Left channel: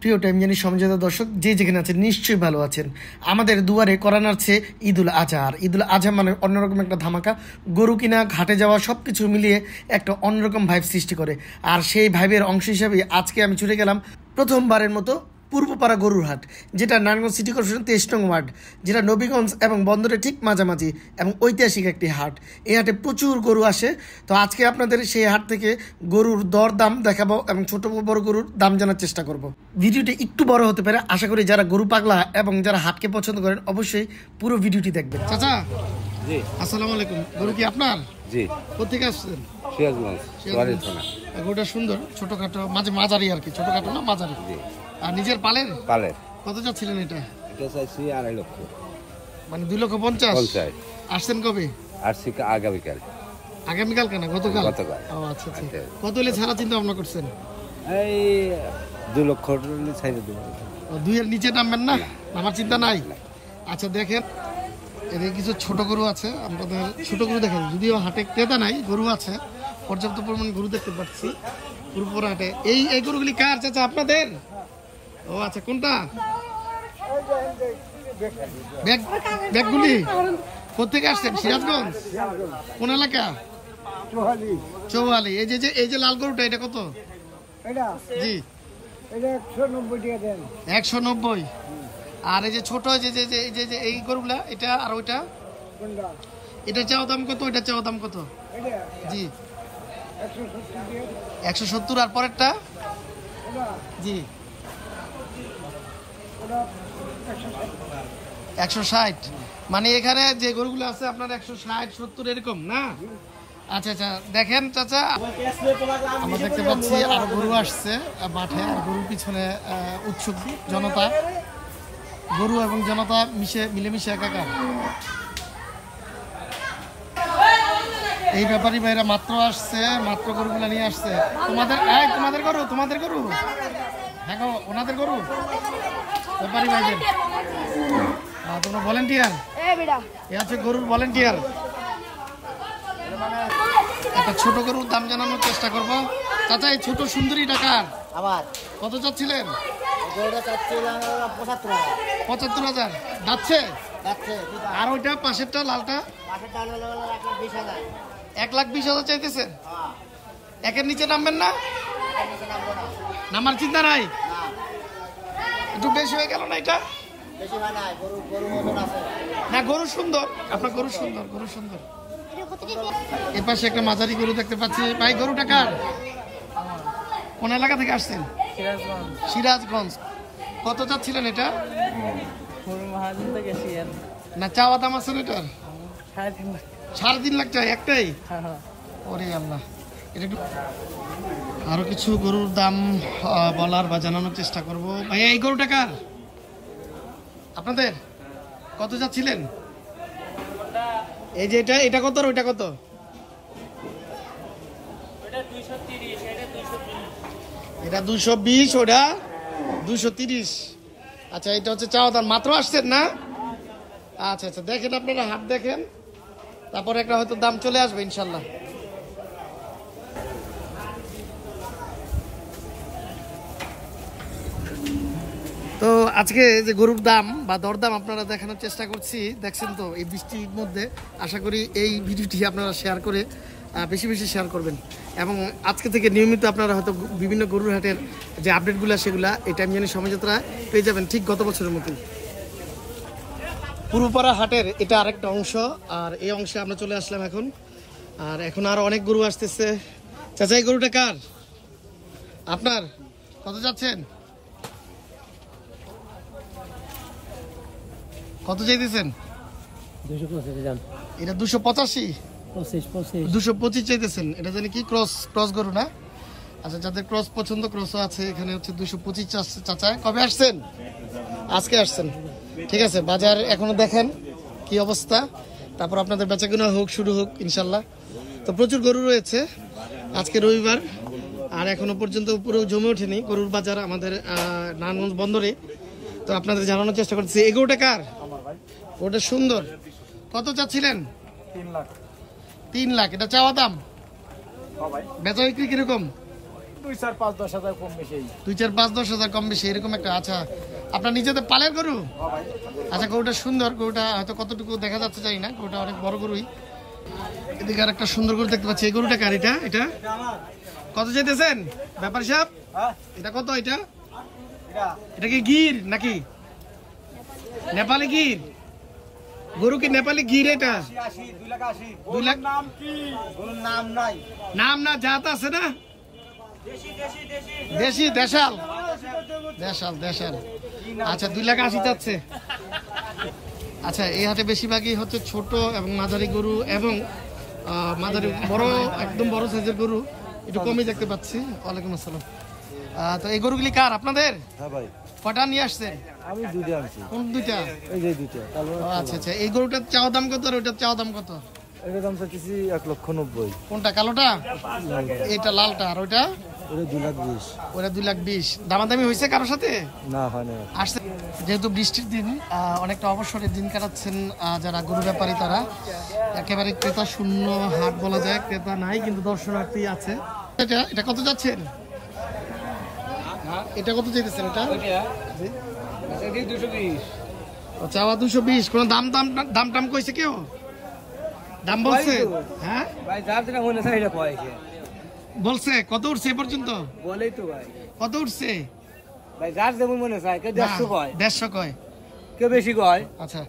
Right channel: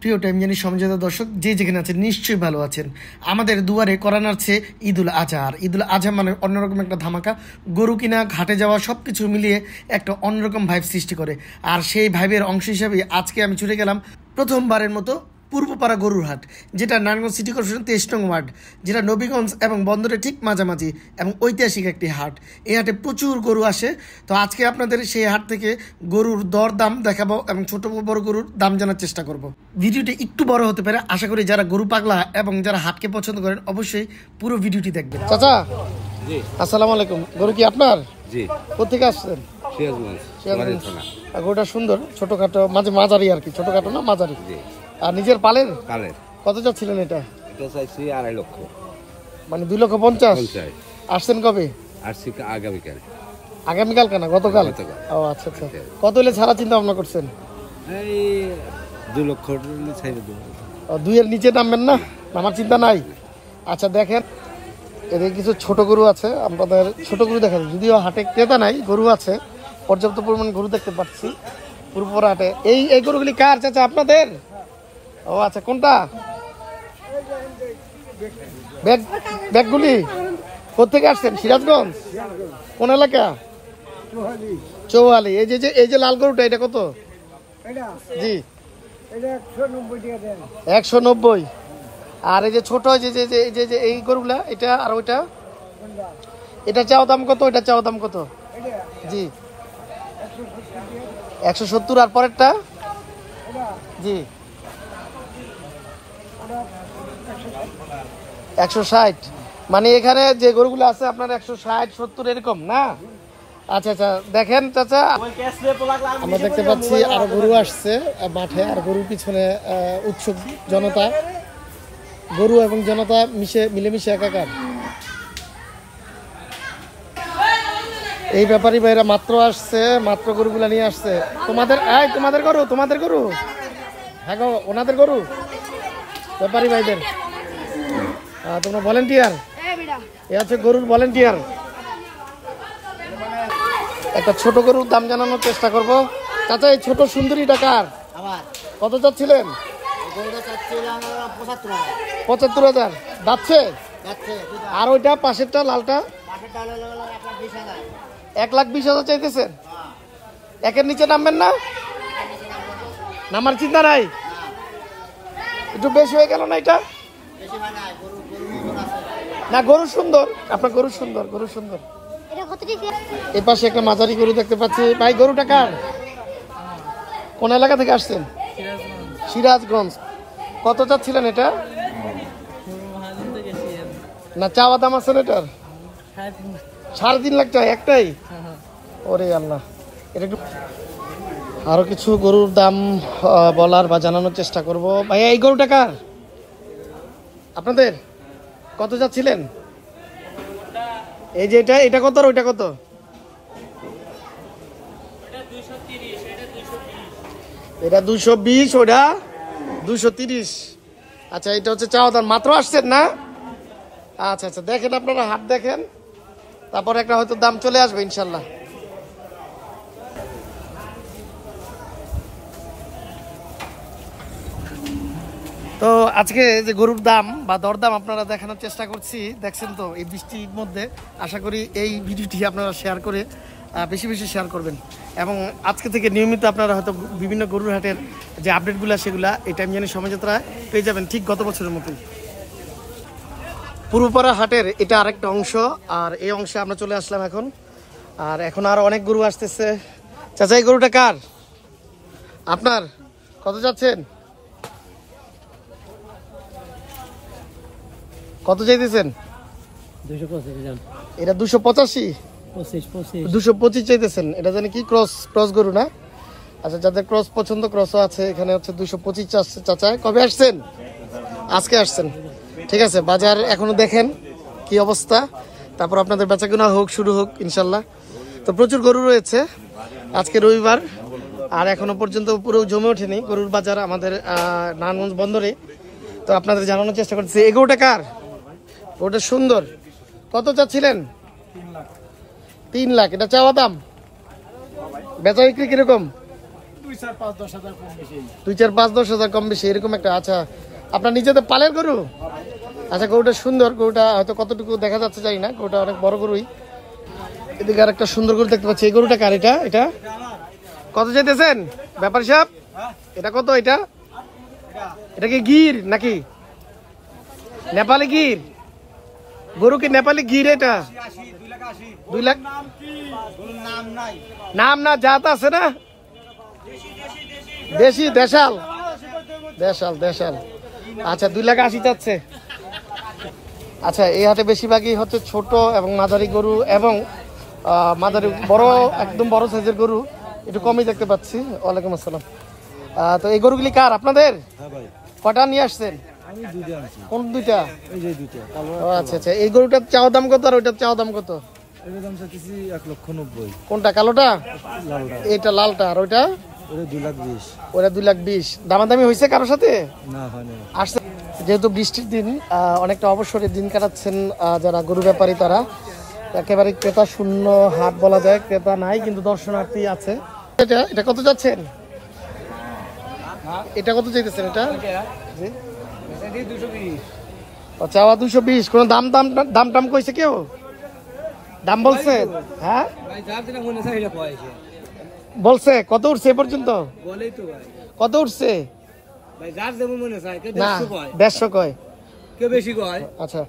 প্রিয় টাইম জানি সমঝোতা দর্শক যে যেখানে আছেন নিশ্চয়ই ভালো আছেন। আমাদের দুয়ারে কোরআন আসছে ঈদুল আজহা। আর ঈদুল আজহা মানে অন্যরকম একটা ধামাকা, গরু কিনা, ঘাটে যাওয়া, সব কিছু মিলিয়ে একটা অন্যরকম ভাইব সৃষ্টি করে। আর সেই ভাইবের অংশ হিসাবে আজকে আমি ছুটে গেলাম প্রথমবারের মতো পূর্বপাড়া গরুর হাট, যেটা নারায়ণগঞ্জ সিটি কর্পোরেশন 23 নং ওয়ার্ড, যেটা নবীগঞ্জ এবং বন্দরের ঠিক মাঝামাঝি এবং ঐতিহাসিক একটি হাট। এই হাটে প্রচুর গরু আসে। তো আজকে আপনাদের সেই হাট থেকে গরুর দর দাম দেখাবো এবং ছোট বড় গরুর দাম জানার চেষ্টা করব। ভিডিওটি একটু বড় হতে পারে, আশা করি যারা গরু পাগলা এবং যারা হাটকে পছন্দ করেন অবশ্যই পুরো ভিডিওটি দেখবেন। চাচা জি, আসসালামু আলাইকুম। গরু কি আপনার? জি। কোথেকে আসছেন? সিরাজগঞ্জ। গরুটা সুন্দর, ছোটখাটো, মাঝারি আর কি, ছোটখাটো না মাঝারি। আর নিজের পালের? পালের। কত চাচ্ছিলেন এটা? এটা চাইছি 2.5 লক্ষ, মানে 2,50,000। আসছেন কবে? আসছি আগামীকাল। আগামীকাল কেন? গতকাল? গতকাল। ও আচ্ছা আচ্ছা। কত হলে ছাড়া চিন্তা ভাবনা করছেন? এই 2 লক্ষ ছাইড়ে দেব। 2 এর নিচে নামবেন না? আমার চিন্তা নাই। আচ্ছা দেখেন, এদের কিছু ছোট গরু আছে, আপনাদের ছোট গরু দেখেন। যদিও হাটে ক্রেতা নাই, গরু আছে, পর্যাপ্ত পরিমাণ গরু দেখতে পাচ্ছি পুরোপুরি হাটে। এই গরুগুলি কার চাচা? আপনাদের? ও আচ্ছা, কোনটা? ব্যাগগুলি কোথেকে আসছেন? সিরাজগঞ্জ। কোন এলাকা? চৌহালি। এই যে লাল গরুটা, এটা কত? জি 190। আর এই যে ছোট এই গরুগুলা, এটা আর ওইটা, এটা চাও দাম কত? এটা চাও দাম কত? জি 170। আর পরেরটা? জি 160। মানে এখানে যে গরুগুলো আছে আপনার 160, 70 এরকম না? আচ্ছা আচ্ছা, দেখেন চাচা, আমরা দেখতে পাচ্ছি আরো গরু আসছে মাঠে। আর গরুর পিছনে উৎসুক জনতা, গরু এবং জনতা মিলেমিশে একাকার। এই ব্যাপারী ভাইরা মাত্র আসছে, মাত্র গরুগুলা নিয়ে আসছে। তোমাদের গরু? হ্যাঁ গো, ওনাদের গরু, ব্যাপারী ভাইদের। তোমরা ভলেন্টিয়ার? এ হচ্ছে গরুর ভলেন্টিয়ার। একটা ছোট গরুর দাম জানানোর চেষ্টা করবো। চাচা, এই ছোট সুন্দরী টাকার আবার কত চাচ্ছিলেন? 75,000 যাচ্ছে। আর ওইটা পাশেরটা লালটা? 1,20,000 চাইতেছে। একের নিচে নামবেন না? নামার চিন্তা নাই? একটু বেশি হয়ে গেল না এটা? না, গরু সুন্দর, আপনার গরু সুন্দর, গরু সুন্দর। এ পাশে একটা মাঝারি গরু দেখতে পাচ্ছি। ভাই, গরুটা কার? কোন এলাকা থেকে আসছেন? সিরাজগঞ্জ। কত চাচ্ছিলেন এটা? না, চাওয়া দাম আছে এটার? 3.5 লাখ টাকা একটাই? ওরে আল্লাহ। এটা আরো কিছু গরুর দাম বলার বা জানানোর চেষ্টা করব। ভাই, এই গরুটা কার? আপনাদের? কত যাচ্ছিলেন? এই যে এটা কত আর ওইটা কত? এটা 220, ওটা 230। আচ্ছা, এটা হচ্ছে চাওয়া দাম। মাত্র আসছেন না? আচ্ছা আচ্ছা, দেখেন আপনারা হাট দেখেন, তারপর একটা হয়তো দাম চলে আসবে ইনশাল্লাহ। তো আজকে যে গরুর দাম বা দরদাম আপনারা দেখানোর চেষ্টা করছি, দেখছেন তো এই বৃষ্টির মধ্যে। আশা করি এই ভিডিওটি আপনারা শেয়ার করে বেশি বেশি শেয়ার করবেন, এবং আজকে থেকে নিয়মিত আপনারা হয়তো বিভিন্ন গরুর হাটের যে আপডেটগুলো সেগুলা এই টাইম জানি সমঝোতা পেয়ে যাবেন, ঠিক গত বছরের মতোই। পূর্বপাড়া হাটের এটা আরেকটা অংশ, আর এই অংশে আমরা চলে আসলাম এখন। আর এখন আরো অনেক গরু আসতেছে। চাচা, এই গরুটা কার? আপনার? কত যাচ্ছেন? কত চাইতেছেন? এটা 285, 225 চাইতেছেন। এটা জানি কি ক্রস গরু না? আচ্ছা, যাদের ক্রস পছন্দ, ক্রসও আছে এখানে। হচ্ছে 225 চাচ্ছে চাচা। কবে আসছেন? আজকে আসছেন। ঠিক আছে, বাজার এখনো দেখেন কি অবস্থা, তারপর আপনাদের বেচাকেনা শুরু হোক ইনশাল্লাহ। তো প্রচুর গরু রয়েছে, আজকে রবিবার, আর এখনো পর্যন্ত পুরো জমে ওঠেনি গরুর বাজার আমাদের নারায়ণগঞ্জ বন্দরে। তো আপনাদের জানানোর চেষ্টা করছি। এই গরুটা কার? ওটা সুন্দর। কত চাচ্ছিলেন? 3 লাখ। এটা চাওয়া দাম? বেচা বিক্রি কিরকম? 2-4-5-10,000 কম বেশি। 2-4-5-10,000 কম বেশি এরকম একটা। আচ্ছা, আপনার নিজেদের পালের গরু? আচ্ছা, গরুটা সুন্দর। গরুটা হয়তো কতটুকু দেখা যাচ্ছে জানি না, গরুটা অনেক বড় গরুই। এদিকে আর একটা সুন্দর গরু দেখতে পাচ্ছি। এই গরুটা কার? এটা কত চাইতেছেন ব্যাপারী সাহেব? এটা কত? এটা কি গির নাকি নেপালি গির? গরু কি নেপালি গির? এটা 2 লাখ। নাম না, জাত আছে না? দেশি দেশাল। আচ্ছা, 2,80,000 চাচ্ছে। আচ্ছা, এই হাটে বেশিরভাগই হচ্ছে ছোট এবং মাঝারি গরু এবং মাঝারি বড়, একদম বড় সাইজের গরু একটু কমই দেখতে পাচ্ছি। ওয়ালাইকুম আসসালাম। তো এই গরুগুলি কার? আপনাদের? হ্যাঁ ভাই, কটা নিয়ে আসছেন? আমি 2টা আনছি। কোন 2টা? এই যে 2টা। আচ্ছা, এই গরুটার চাওয়া দাম কত আর ওইটার চাওয়া দাম কত? এটার দাম চাইছি 1,90,000। কোনটা? কালোটা? লালটা। এটা লালটা। আর ওইটা? ওটা 2,20,000। ওরা 2,20,000। দামাদামি হয়েছে কারোর সাথে? না, হয় না। আসছে যেহেতু বৃষ্টির দিন, অনেকটা অবসরের দিন কাটাচ্ছেন যারা গরু ব্যাপারী, তারা একেবারে ক্রেতা শূন্য হাট বলা যায়। ক্রেতা নাই, কিন্তু দর্শনার্থী আছে। এটা কত যাচ্ছেন? এটা কত চাইতেছেন? এটা এটা 220। চাওয়া 220। কোন দাম টাম কইছে কেউ? দাম বলছে? হ্যাঁ ভাই, যার যেটা মনে আছে এটা কয়েছে। বলছে কত উঠছে এ পর্যন্ত? বলেই তো ভাই। কত উঠছে ভাই, যার যেমন মনে চায়, কেউ 150 কয়, 150 কয়, কেউ বেশি কয়। আচ্ছা,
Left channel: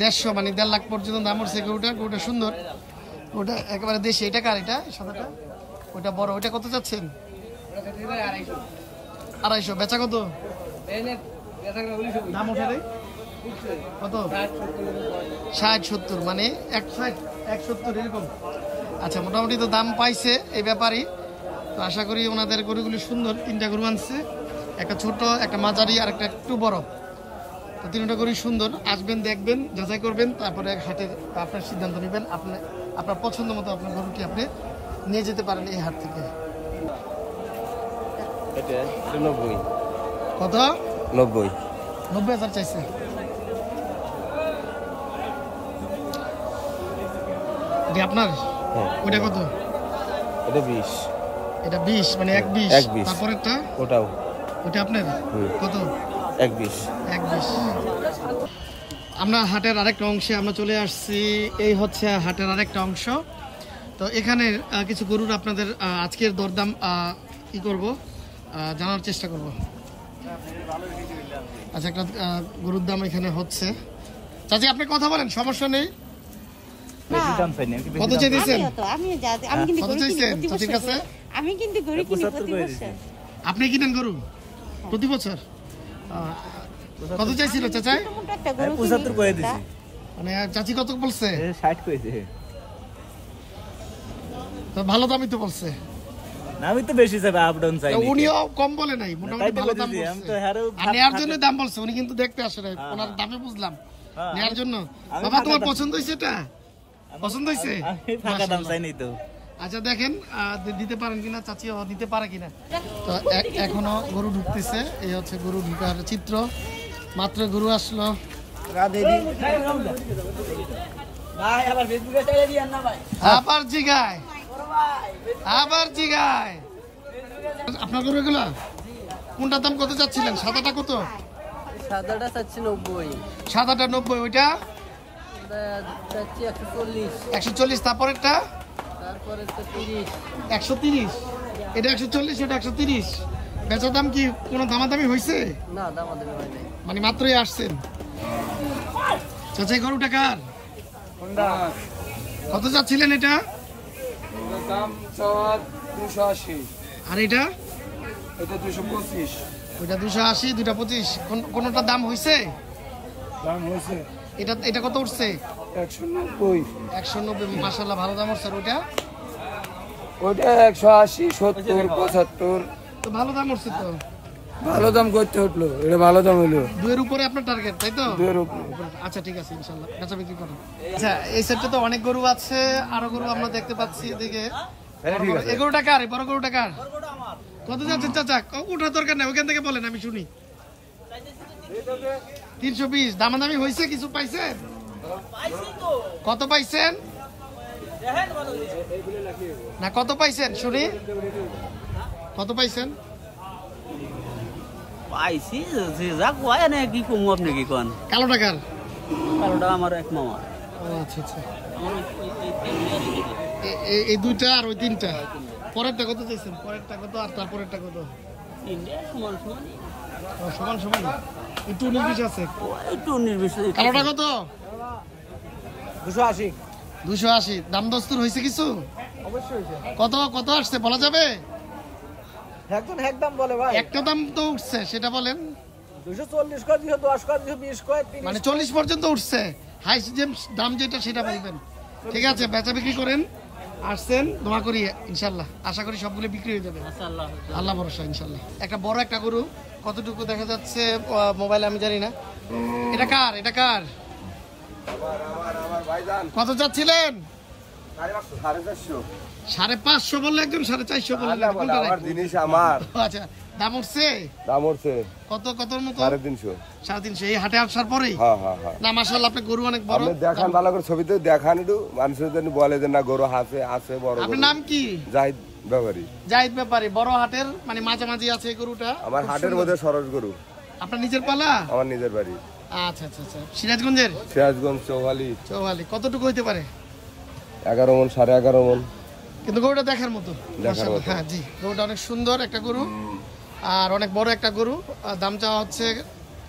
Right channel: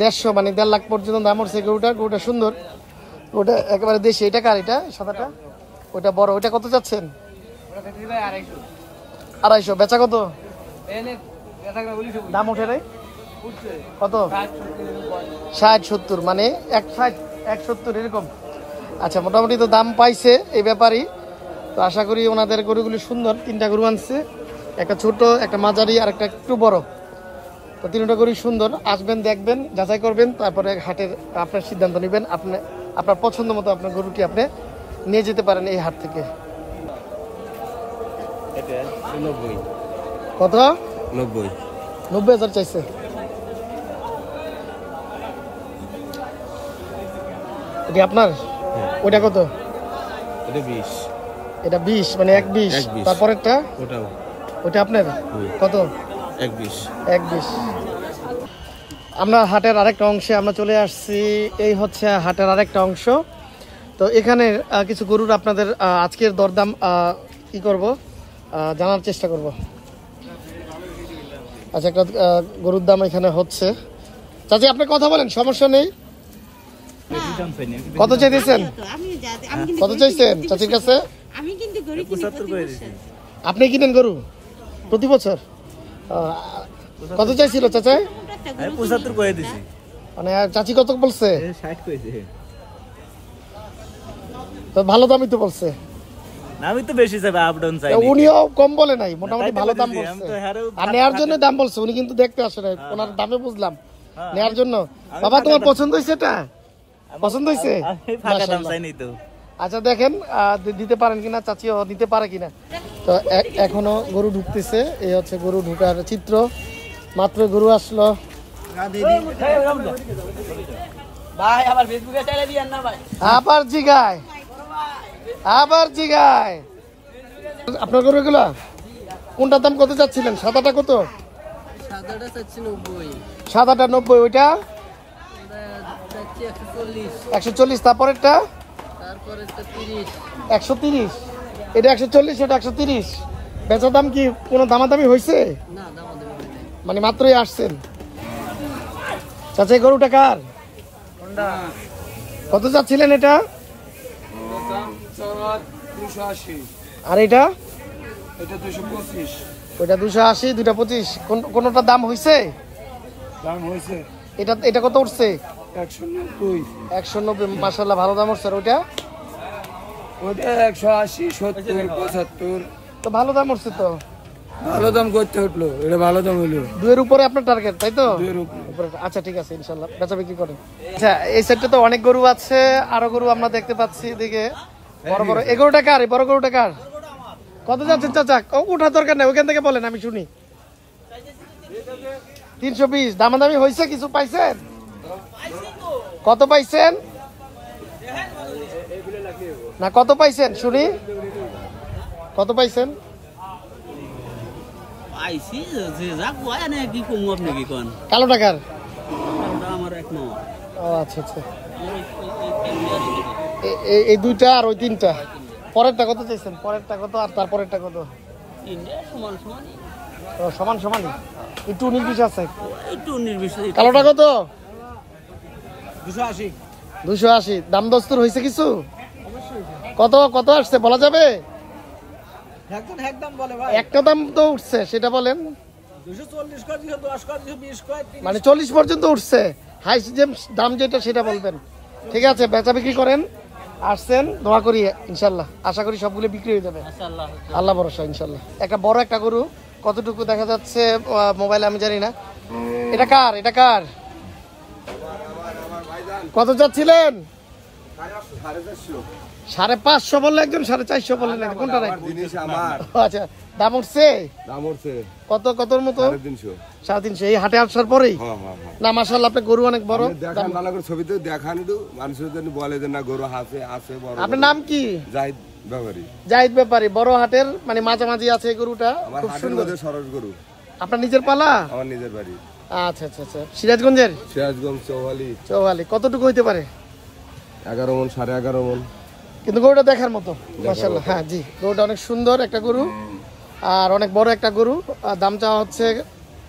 150 মানে 1.5 লাখ পর্যন্ত দাম উঠছে গরুটা সুন্দর। ওটা একেবারে দেশি। এটা কার? এটা সাদাটা? ওটা বড়। ওটা কত যাচ্ছেন? ওটা চাইছি ভাই 250। 250। বেচা কত? এনে এটা করে 19 দাম উঠে রে উঠছে। কত? 60-70, মানে 160-170 এরকম। আচ্ছা, মোটামুটি তো দাম পাইছে এই ব্যাপারই। তো আশা করি ওনাদের গরুগুলি সুন্দর। 3টা গরু আনছে, একটা ছোট, একটা মাঝারি আর একটা একটু বড়। তো 3টা গরু সুন্দর। আসবেন, দেখবেন, যাচাই করবেন, তারপরে হাটের আপনার সিদ্ধান্ত নেবেন। আপনার পছন্দ মতো আপনার গরুটি আপনি নিয়ে যেতে পারেন এই হাট থেকে। এটা 90। কত? 90। 90,000 চাইছে। এটা আপনার? ওটা কত? এটা 20। এটা 20, মানে 1,20। তারপরেরটা? ওটা আপনার কত? 1,20। আমরা হাটের আরেকটা অংশে আমরা চলে আসছি। এই হচ্ছে হাটের আরেকটা অংশ। তো এখানে কিছু গরুর আপনাদের আজকের দরদাম কি করব, জানার চেষ্টা করব। আচ্ছা, একটা গরুর দাম এখানে হচ্ছে। চাচি, আপনি কথা বলেন, সমস্যা নেই। কত চাইতেছেন? কত চাইছেন চাচির কাছে? আমি কিন্তু গরু কিনি প্রতি বছর। আপনি কিনেন গরু প্রতি বছর? কত চাইছিল চাচা? 75 করে দিছি। মানে চাচি কত বলছে? 60 কইছে। তো ভালো দামই তো বলছে। না, আমি তো বেশি চাই, আপ ডাউন চাই। উনিও কম বলে নাই, মোটামুটি ভালো দাম বলছে। আমি তো হারও আর নেয়ার জন্য দাম বলছে, উনি কিন্তু দেখতে আসে না, ওনার দামে বুঝলাম নেয়ার জন্য। বাবা, তোমার পছন্দ হইছে? এটা পছন্দ হইছে? আমি ফাঁকা দাম চাই নাই তো। আচ্ছা, দেখেন দিতে পারেন কিনা, চাচিও দিতে পারে কিনা। তো এখনো গরু ঢুকতেছে। এই হচ্ছে গরু ঢুকার চিত্র। মাত্র গরু আসলো। ভাই, আবার ফেসবুকে চাইলে দিয়েন না ভাই। আবার জিগায়। আপনার গরুগুলা কোনটার দাম কত চাচ্ছিলেন? সাদাটা কত? সাদাটা চাচ্ছি 90। সাদাটা 90। ওইটা চাচ্ছি 140। 140। তারপরেরটা? তারপরে 30। 130। এটা 140, ওটা 130। বেচা দাম কি কোনো দামাদামি হয়েছে? না, দামাদামি হয় নাই। মানে মাত্রই আসছেন। চাচা, গরুটা কার? কত চাচ্ছিলেন এটা? দাম 280। আর এটা? এটা 225। ওইটা 280, দুইটা 25। কোনটার দাম হয়েছে? দাম হয়েছে। এটা কত উঠছে? 190। 190। মাশাআল্লাহ, ভালো দাম উঠছে। আর ওইটা? ওটা 180, 70, 75। তো ভালো দাম উঠছে তো। ভালো দাম করতে উঠলো, এটা ভালো দাম হলো। 2 এর উপরে আপনার টার্গেট, তাই তো? 2 এর উপরে। আচ্ছা, ঠিক আছে, ইনশাআল্লাহ বেচা বিক্রি করেন। আচ্ছা, এই সাইডে তো অনেক গরু আছে, আরো গরু আমরা দেখতে পাচ্ছি এদিকে। এই গরুটা কার? বড় গরুটা কার? কত যাচ্ছেন চাচা? ওঠার দরকার নেই, ওইখান থেকে বলেন, আমি শুনি। 320। দামাদামি হয়েছে? কিছু পাইছেন? কত পাইছেন? না, কত পাইছেন শুনি? কত পাইছেন? পাইছি যে যা কয় না কি কমু আপনি কি কোন কালো টাকার? কালোটা আমার এক মামা। ও আচ্ছা আচ্ছা, এই দুইটা আর ওই তিনটা। পরেরটা কত চাইছেন? পরেরটা কত আর তারপরেরটা কত? সমান সমান। ও সমান সমান, একটু 19-20 আছে। একটু নির্বিশেষ। কালোটা কত? 280। 280। দাম দস্তর হয়েছে কিছু? অবশ্যই কত কত আসছে বলা যাবে? একদম বলে ভাই। একটা দাম তো উঠছে, সেটা বলেন। 240 করে দিও, 10 করে দিও, 20 করে, 30। মানে 40 পর্যন্ত উঠছে। হাই দাম যেটা সেটা বলবেন। ঠিক আছে, বেচা বিক্রি করেন। আসছেন, দোয়া করি ইনশাল্লাহ, আশা করি সবগুলো বিক্রি হয়ে যাবে। আল্লাহ ভরসা ইনশাল্লাহ। একটা বড় একটা গরু, কতটুকু দেখা যাচ্ছে মোবাইলে আমি জানি না। এটা কার? এটা কার? কত যাচ্ছিলেন? 550 বললে একজন, 450 বললেন। জিনিস আমার। আচ্ছা, দাম উঠছে? দাম উঠছে কত কতর মতো? 350। 350 এই হাটে আসার পরেই? হ্যাঁ। না মাশাআল্লাহ, আপনার গরু অনেক বড়। আপনি দেখান ভালো করে, ছবিতে দেখান একটু, মানুষের জন্য বলে যে না গরু আছে বড়। আপনার নাম কি? জাহিদ ব্যাপারী। জাহিদ ব্যাপারী। বড় হাটের মানে মাঝামাঝি আছে এই গরুটা। আমার হাটের মধ্যে সরস গরু। আপনার নিজের পালা? আমার নিজের বাড়ি। আচ্ছা আচ্ছা আচ্ছা, সিরাজগঞ্জের? সিরাজগঞ্জ চৌহালি। কতটুকু হইতে পারে? 11 মণ, 11.5 মণ। কিন্তু গরুটা দেখার মতো মাশাআল্লাহ। হ্যাঁ জি, গরুটা অনেক সুন্দর একটা গরু আর অনেক বড় একটা গরু। আর দাম চাওয়া হচ্ছে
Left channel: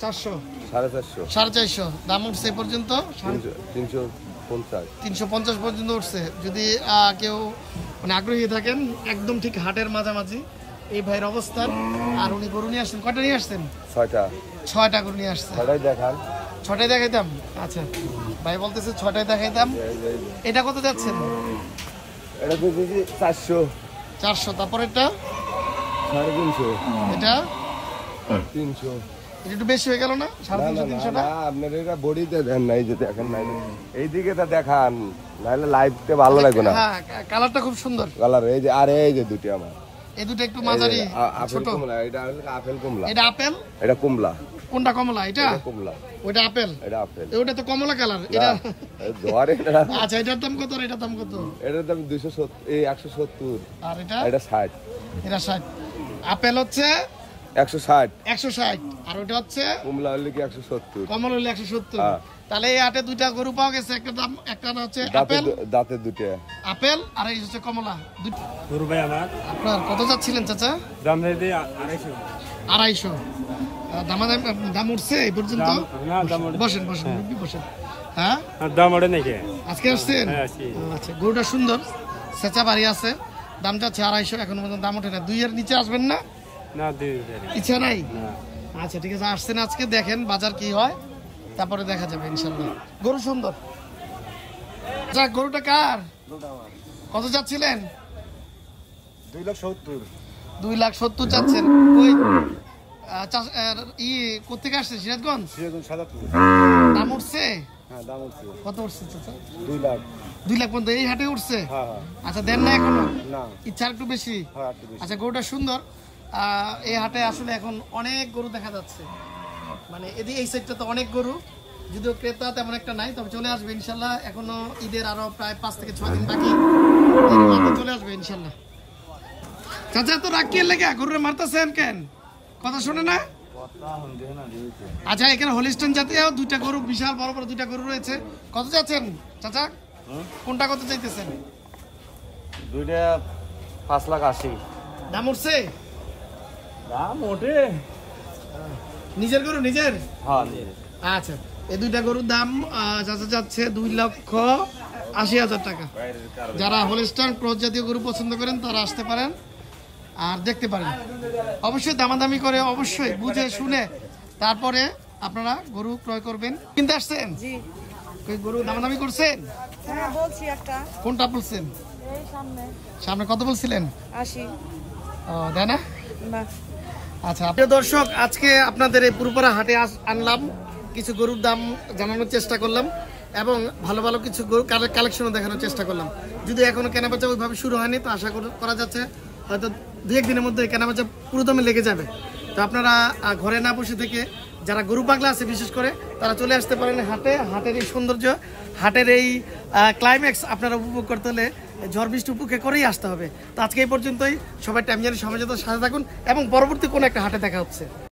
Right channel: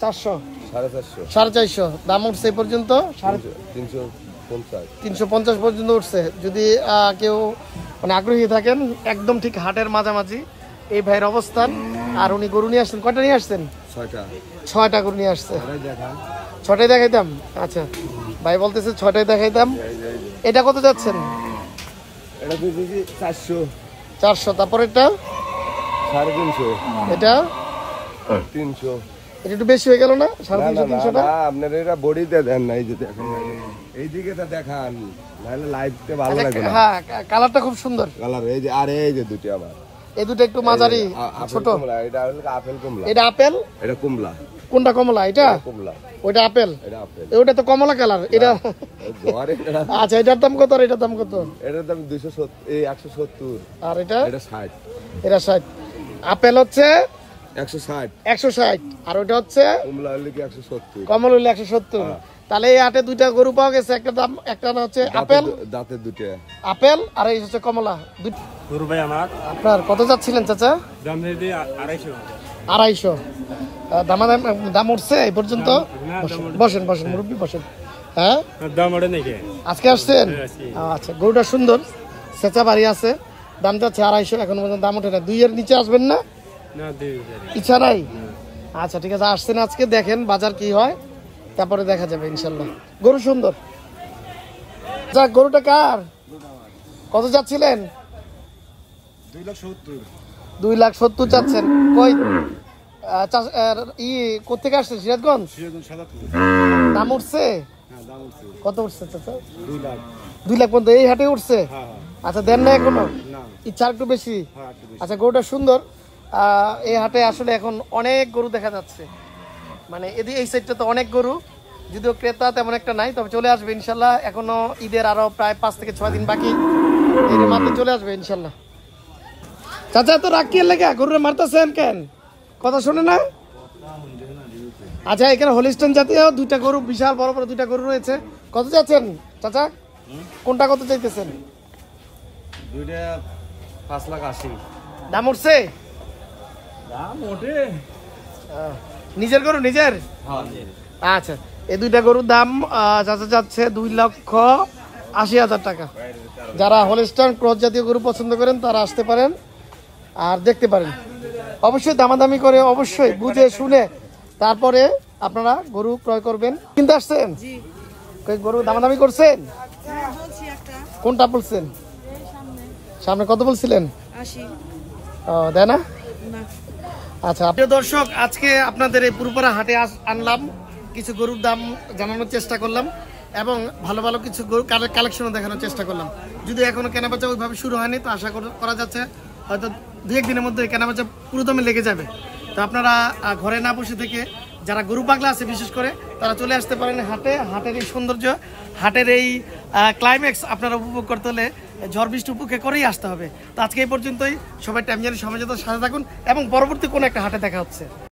400, 450, 450। দাম উঠছে এই পর্যন্ত 350, 350 পর্যন্ত উঠছে। যদি কেউ মানে আগ্রহী থাকেন, একদম ঠিক হাটের মাঝামাঝি এই ভাইয়ের অবস্থান। আর উনি গরু নিয়ে আসছেন, কয়টা নিয়ে আসছেন? 6টা গরু নিয়ে আসছে। দেখান। 6টাই দেখাইতাম। আচ্ছা, ভাই বলতেছে 6টাই দেখাইতাম। এটা কত যাচ্ছেন? এটা দিয়েছি 400। তারপর এটা 350, এটা 300। এটা একটু বেশি হয়ে গেল না? 350-300 না, আপনার এটা বডিতে দেন নাই, যে দেখেন নাই এইদিকে তা দেখান, নাহলে লাইভতে ভালো লাগবে না। হ্যাঁ, কালারটা খুব সুন্দর কালার। এই যে আর এই যে দুটি আমার, এই দুটো একটু মাঝারি ছোট। এটা হলো আপেল কমলা। এটা আপেল, এটা কমলা। কোনটা কমলা? এটা কমলা, ওইটা আপেল। এটা আপেল, ওটা তো কমলা কালার। এটা জোয়ারে। আচ্ছা, এটার দাম কত আর এটার দাম কত? এটার দাম 270, 170। আর এটা? এটা 60। এটা 60। আপেল হচ্ছে 160, 160। আর ওটা হচ্ছে কমলা হলো কি 170। কমলা হলো 170। তাহলে এই হাটে দুইটা গরু পাওয়া গেছে। একটা দাম, একটা না হচ্ছে আপেল, দাঁতের দুটো আপেল, আর এই হচ্ছে কমলা। গরু ভাই আমার আপনার কত যাচ্ছিলেন চাচা? দাম দিয়ে 250। 250। দাম উঠছে এই পর্যন্ত? বসেন মুরব্বী বসেন। হ্যাঁ, দাম ওঠে নাকি? আজকে আসছেন? আচ্ছা, গরুটা সুন্দর, সেচা বাড়ি আছে। দাম যাচ্ছে 250, এখন পর্যন্ত দাম ওঠে না। 2 এর নিচে আসবেন না? ইচ্ছা নাই? আচ্ছা ঠিক আছে, আসছেন আজকে, দেখেন বাজার কি হয়, তারপরে দেখা যাবে ইনশাল্লাহ। গরু সুন্দর। যাক, গরুটা কার? কত যাচ্ছিলেন? 270। 270 যাচ্ছেন। কই কোথেকে আসছেন? সিরাজগঞ্জ? দাম উঠছে? হ্যাঁ, দাম উঠছে। কত উঠছে চাচা? 2 লাখ। 2 লাখ পর্যন্ত এই হাটে উঠছে? হ্যাঁ। আচ্ছা, দেন না এখনো? না, ইচ্ছা একটু বেশি? হ্যাঁ, একটু বেশি। আচ্ছা, গরুটা সুন্দর। এই হাটে আসলে এখন অনেক গরু দেখা যাচ্ছে, মানে এই সাইডটা তো অনেক গরু, যদিও ক্রেতা তেমন একটা নাই, তবে চলে আসবে ইনশাল্লাহ। এখনো ঈদের আরো প্রায় 5 থেকে 6 দিন বাকি, মাত্র চলে আসবে ইনশাল্লাহ। চাচা তো রাগ কি লেগে গরুরে মারতেছেন কেন? কথা শোনে না? আচ্ছা, এখানে হলিস্টাইন জাতীয় 2টা গরু, বিশাল বড় বড় 2টা গরু রয়েছে। কত যাচ্ছেন চাচা? কোনটা কত চাইতেছেন? 2টা 5,80,000। দাম উঠছে? দাম ওঠে। নিজের গরু? নিজের? হ্যাঁ। আচ্ছা, এই 2টা গরুর দাম চাচা যাচ্ছে 2,80,000 টাকা। যারা হলিস্টাইন ক্রস জাতীয় গরু পছন্দ করেন তারা আসতে পারেন আর দেখতে পারেন। অবশ্যই দামাদামি করে, অবশ্যই বুঝে শুনে তারপরে আপনারা গরু ক্রয় করবেন। কিনতে আসছেন? জি। গরু দামাদামি করছেন? হ্যাঁ, বলছি একটা। কোনটা বলছেন? এই সামনে। সামনে কত বলছিলেন? 80। ও, দেয় না? না। আচ্ছা, প্রিয় দর্শক, আজকে আপনাদের এই পুরোপাড়া হাটে আনলাম, কিছু গরুর দাম জানানোর চেষ্টা করলাম এবং ভালো ভালো কিছু গরু কালেকশনও দেখানোর চেষ্টা করলাম। যদি এখনো কেনাবেচা ওইভাবে শুরু হয়নি, তো আশা করা যাচ্ছে হয়তো 2-1 দিনের মধ্যে কেনাবেচা পুরো দমে লেগে যাবে। তো আপনারা ঘরে না বসে থেকে, যারা গরু পাগলা আছে বিশেষ করে, তারা চলে আসতে পারেন হাটে। হাটের এই সৌন্দর্য, হাটের এই ক্লাইম্যাক্স আপনারা উপভোগ করতে হলে ঝড় বৃষ্টি উপেক্ষা করেই আসতে হবে। তো আজকে এই পর্যন্তই, সবাই টাইম জানি সময় সাথে থাকুন এবং পরবর্তী কোনো একটা হাটে দেখা হচ্ছে।